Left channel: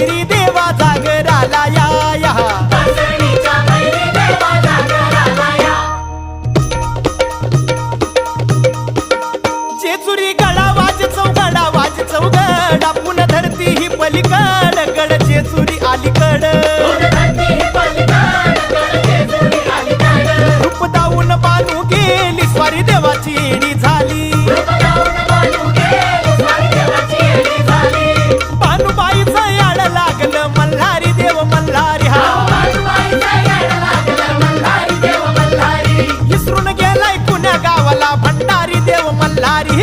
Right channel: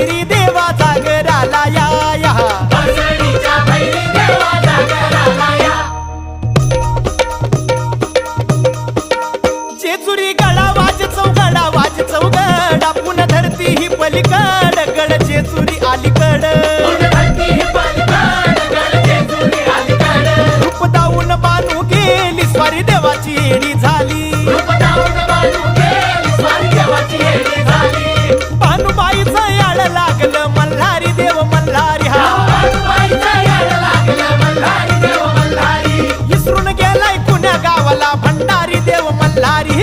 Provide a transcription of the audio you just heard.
भैरी देवा जागराला या या जेजुरी गडा वाज चौगडा पुन्हा धरती ही पलीकड गड जेजुरी अलीकड रूप दाऊन बानू गेली स्वारी देवाची येडी झाली बानूबाईचं याड लागलं मल्हारी देव मल्हारी हा इसरून गेलाय कुण्या गावाला भंडारी देव मल्हारी